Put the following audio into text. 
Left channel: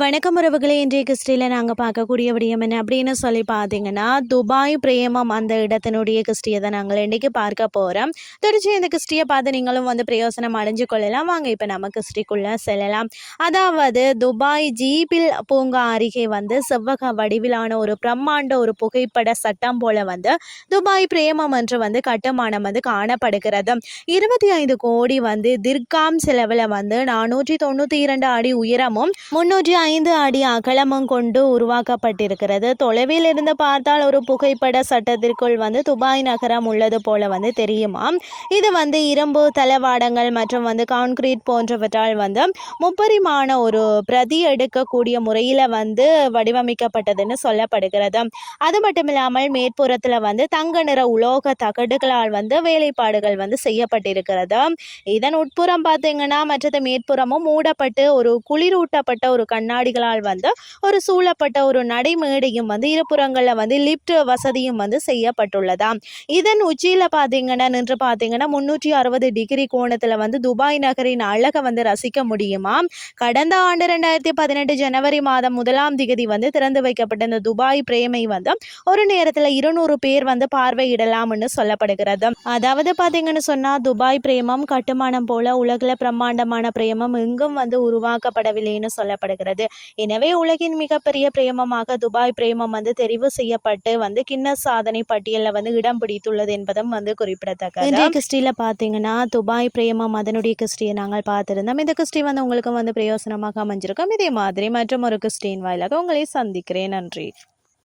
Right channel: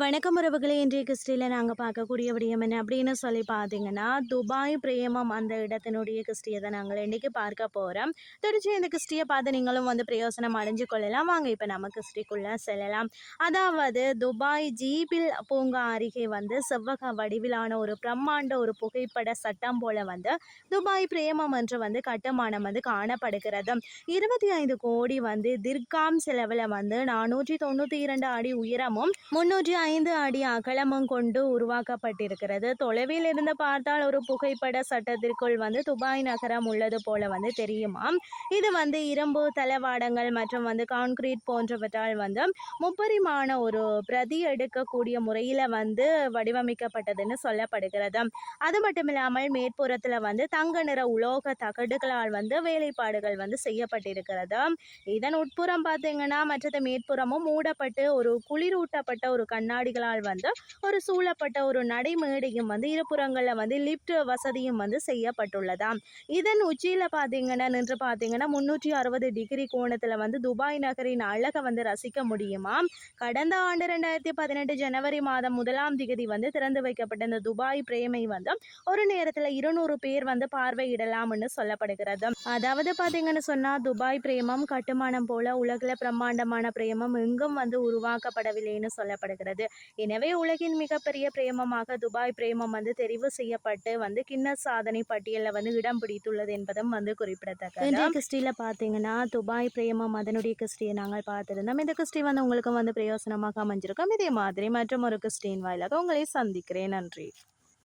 வணக்கம் உறவுகளே இன்றைய கிறிஸ்டியில் நாங்கள் பார்க்கக்கூடிய விடயம் என்ன அப்படின்னு சொல்லி பார்த்தீங்கன்னா துபாய் பிரேமம் அந்த இடத்தினுடைய கிறிஸ்டியை தான் நாங்கள் இன்றைக்கி பார்க்க போகிறோம் தொடர்ச்சி இந்த கிறிஸ்டியை பார்த்து நீங்களும் வந்து பிரயோசனம் அடைஞ்சு கொள்ளலாம். வாங்க இப்போ நம்ம கிறிஸ்டிக்குள்ளே செல்லலாம். அதாவது துபாய் ஜீபில் பூங்கா அருகே வந்து செவ்வக வடிவிலான ஒரு பிரம்மாண்ட ஒரு புகைப்பட சட்டம் போல வந்து துபாய் பிரேமம் என்று வந்து கட்டுமானம் வந்து காணப்படுகிறது. இருபத்தி ஐந்து கோடி வந்து திர்காம் செலவில் வந்து நானூற்றி தொண்ணூற்றி இரண்டு அடி உயரமும் முன்னூற்றி ஐந்து அடி அகலமும் கொண்டு உருவாக்கப்பட்டிருக்கிறது. தொலைவில் இருந்து பார்த்தால் ஒரு புகைப்பட சட்டத்திற்குள் வந்து துபாய் நகரம் உள்ளது போல வந்து தெரியுமா? இது வந்து இரும்பு தளவாடங்கள் மற்றும் வந்து கான்கிரீட் போன்றவற்றால் வந்து முப்பரிமாண ஒரு பிரதி எடுக்கக்கூடிய முறையில் வந்து வடிவமைக்கப்பட்டதுன்னு சொல்லப்படுகிறது. அது மட்டும் இல்லாமல் மேற்புறத்தில் வந்து தங்க நிற உலோக தகடுகளால் வந்து வேலைப்பாடுகள் வந்து செய்யப்பட்டிருக்கிறது. இதன் உட்புறம் பார்த்தீங்கன்னா மற்றது மேற்புறமும் மூடப்பட்டு ஒரு குளிரூட்டப்பட்ட ஒரு கண்ணாடிகளால் வந்து ஒரு சூழப்பட்ட ஒரு நடைமேடையும் வந்து இருபுறங்களில் வந்து லிஃப்ட் வசதியும் வந்து செய்யப்பட்டுள்ளதாம். இதன் உச்சியில் பார்த்தீங்கன்னா நின்று பார்த்தீங்கன்னா முந்நூற்றி அறுபது டிகிரி கோணத்தில் வந்து துபாய் நகரின் அழகை வந்து ரசிக்க முடியுமா கடந்த ஆண்டு ரெண்டாயிரத்தி பதினெட்டு ஜனவரி மாதம் முதலாம் திகதி வந்து திறந்து வைக்கப்பட்ட இந்த துபாய் பிரேமை வந்து ஒரு நேரத்தில் இருநூறு பேர் வந்து பார்வையிடலாம்னு சொல்லப்படுகிறது. அதாவது பார்த்தீங்கன்னு சொன்னால் துபாய் பிரேமம் கட்டுமானம் போல உலகில் பிரம்மாண்டமான பிரேமம் எங்கும் வந்து உருவாக்கப்படவில்லைன்னு சொல்லப்படுகிறது. எனவே உலகின் மிகப்பெரிய பிரேமமாக துபாய் பிரேமம் வந்து தெரிவு செய்யப்பட்டு வந்து கின்னஸ் சாதனை பட்டியலில் வந்து இடம் பிடித்துள்ளது என்பதும் வந்து குறிப்பிடத்தக்கது. இன்றைய கிறிஸ்டியில் பார்த்தீங்கன்னா துபாய் பிரேமம் அதனுடைய கிறிஸ்டியை நாங்கள் பார்த்துருந்தோம். இந்த கிறிஸ்டி வந்து உங்களுக்கு வந்து பிரயோசனமாக அமைஞ்சிருக்கும். இதே மாதிரி மற்றும் ஒரு கிறிஸ்டின் வாயிலாக உங்களை சந்திக்கிறேன். நன்றி.